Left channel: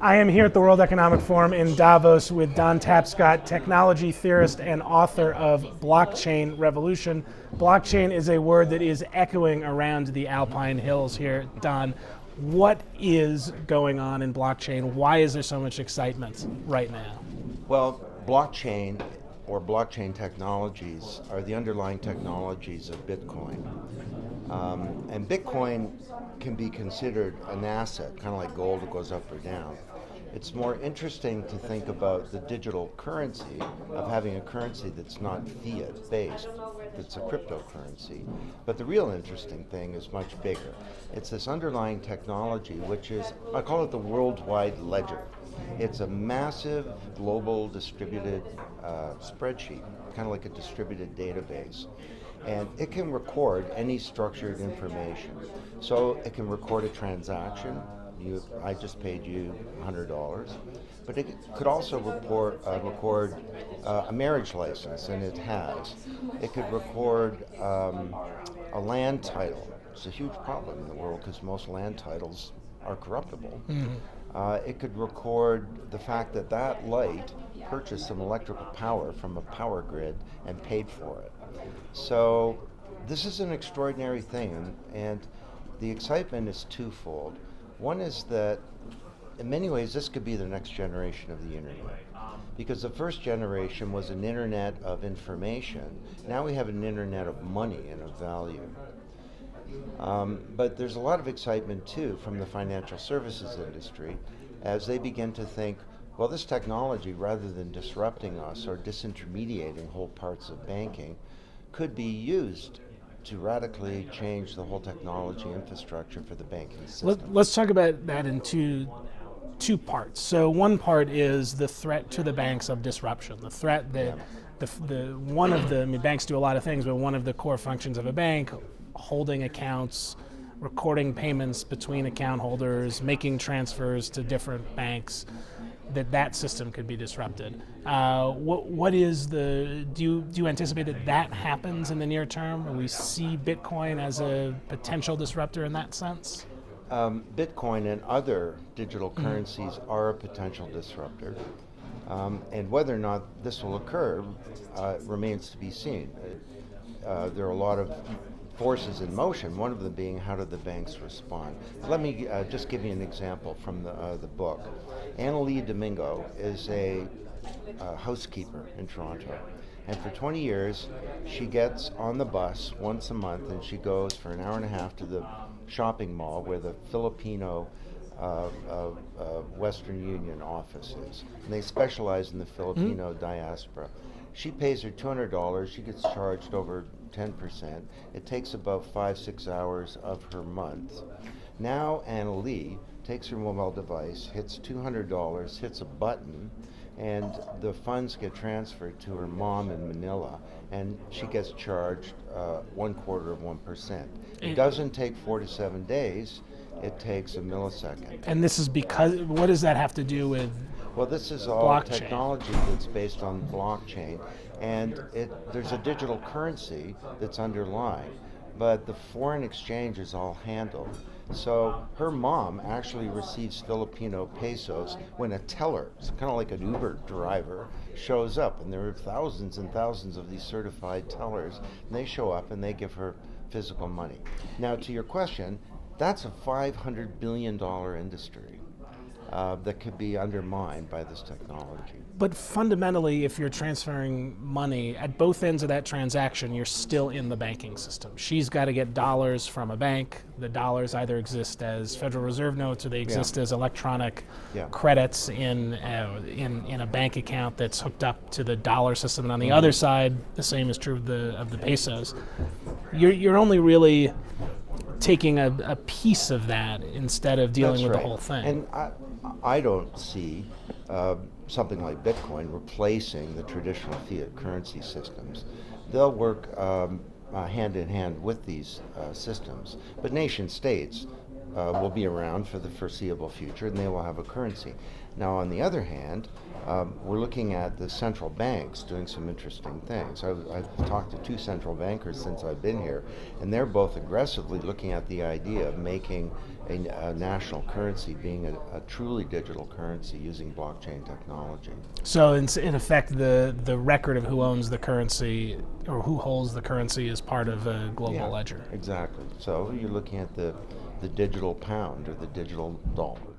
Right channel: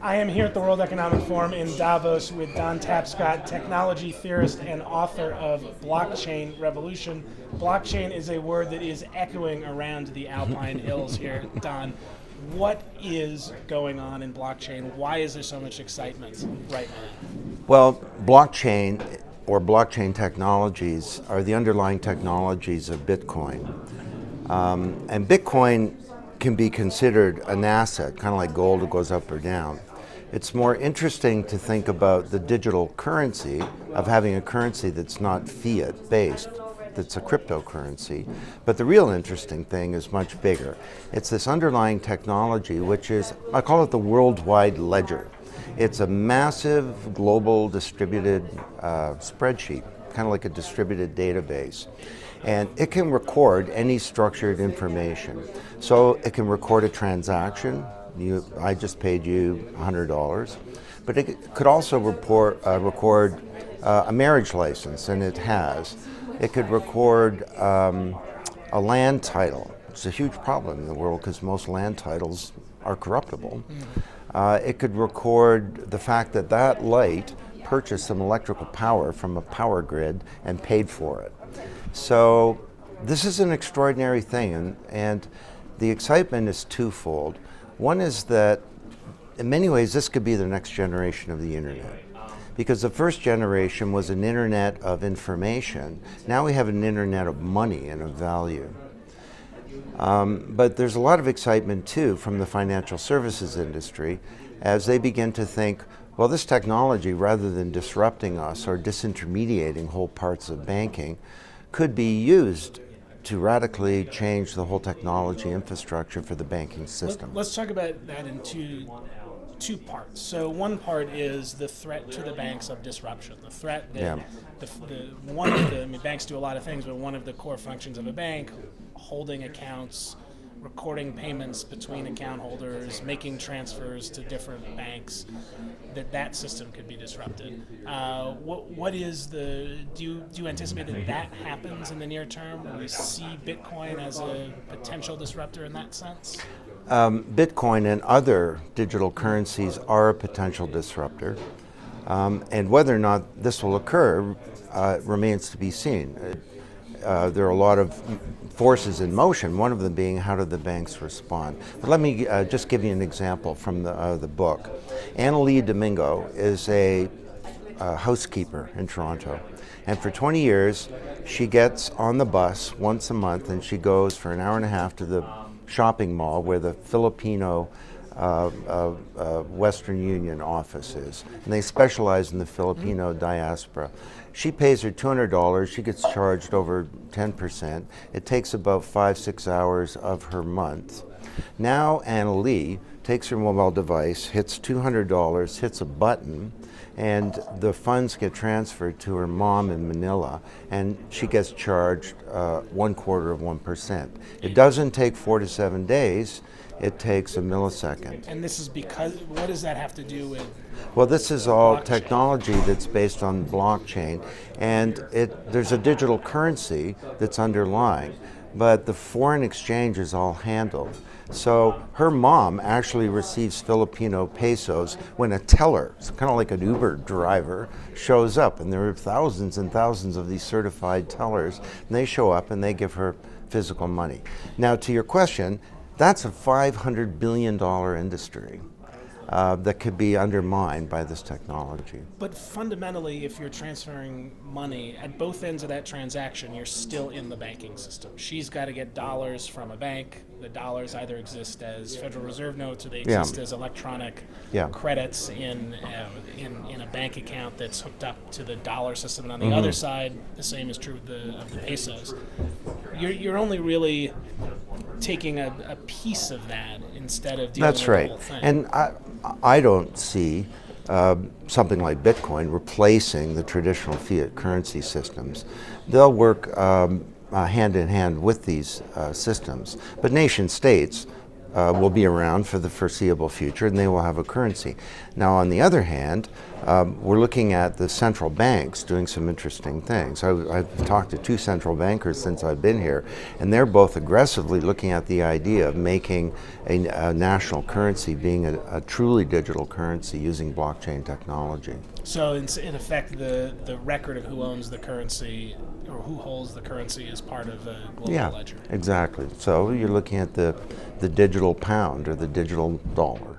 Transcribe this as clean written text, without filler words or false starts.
I am here at the World Economic Forum in Davos with Don Tapscott, technology theorist and author of Blockchain Revolution. Blockchain is a word that is echoing around the Alpine Hills here. Don, what is going on in blockchain? Why is there so much excitement right now? Well, blockchain or blockchain technologies are the underlying technologies of Bitcoin. And Bitcoin can be considered an asset, kind of like gold, it goes up or down. It's more interesting to think about the digital currency of having a currency that's not fiat based, that's a cryptocurrency. But the real interesting thing is much bigger. It's this underlying technology, which is, I call it the worldwide ledger. It's a massive global distributed spreadsheet, kind of like a distributed database. And it can record any structured information. So it can record a transaction. I just paid you $100, but it could also record a marriage license, and it has. It could record a land title. It's a huge problem in the world because most land titles are corruptible. It could record the fact that that light purchased some electrical power from a power grid and paid for it. So this is an extraordinary thing, and the excitement is twofold. One is that in many ways this could be the next generation of the internet, because the first generation was an internet of information. Now we have an internet of money and of value. But there's a lot of excitement too from the financial services industry as they begin to think, well, this technology, rather than disrupting us or disintermediating whole parts of banking, could be used to radically change the whole technology infrastructure for the banking system. Let's talk about that in two parts. So one part is the threat to the banks of disruption. The threat that one of the, I mean, banks do a lot of things, but one of the core functions of a bank, holding accounts, recording payments between account holders, making transfers to different banks, that system could be disrupted. What is the, do you anticipate that happens in the near term? Will we see Bitcoin as a potential disruptor in that sense? Bitcoin and other digital currencies are a potential disruptor. And whether or not this will occur remains to be seen. There are a lot of forces in motion, one of them being how do the banks respond. But let me just give you an example from the book. Annalee Domingo is a housekeeper in Toronto. And for 20 years, she gets on the bus once a month and she goes for an hour and a half to the shopping mall where the Filipino Western Union office is. And they specialize in the Filipino diaspora. She pays her $200, she gets charged over 10%. It takes about 5-6 hours of her month. Now Annalee takes her mobile device, hits $200, hits a button, and the funds get transferred to her mom in Manila, and she gets charged 0.25%. It doesn't take 4 to 7 days, it takes a millisecond. And this is because, what does that have to do with? Well, this is all blockchain? Technology that's based on blockchain, and there's a digital currency that's underlying, but the foreign exchange is all handled. So her mom actually receives Filipino pesos when a teller, it's kind of like an Uber driver, shows up, and there are thousands and thousands of these certified tellers, and they show up and they give her physical money. Now, to your question, that's a $500 billion industry that could be undermined by this technology. But fundamentally, if you're transferring money at both ends of that transaction, you're still in the banking system. She's got to get dollars from a bank. The dollars either exist as Federal Reserve notes or they exist as electronic credits in a bank account that's hooked up to the dollar system. And on the other side, the same is true of the pesos. You're only really taking a piece of that instead of dealing with the whole thing. And I don't see something like Bitcoin replacing the traditional fiat currency systems. They'll work hand in hand with these systems. But nation states will be around for the foreseeable future, and they will have a currency. Now, on the other hand, we're looking at the central banks doing some interesting things. I've talked to 2 central bankers since I've been here, and they're both aggressively looking at the idea of making a national currency being a truly digital currency using blockchain technology. So in effect, the record of who owns the currency or who holds the currency is part of a global ledger. Exactly. So you're looking at the digital pound or the digital dollar.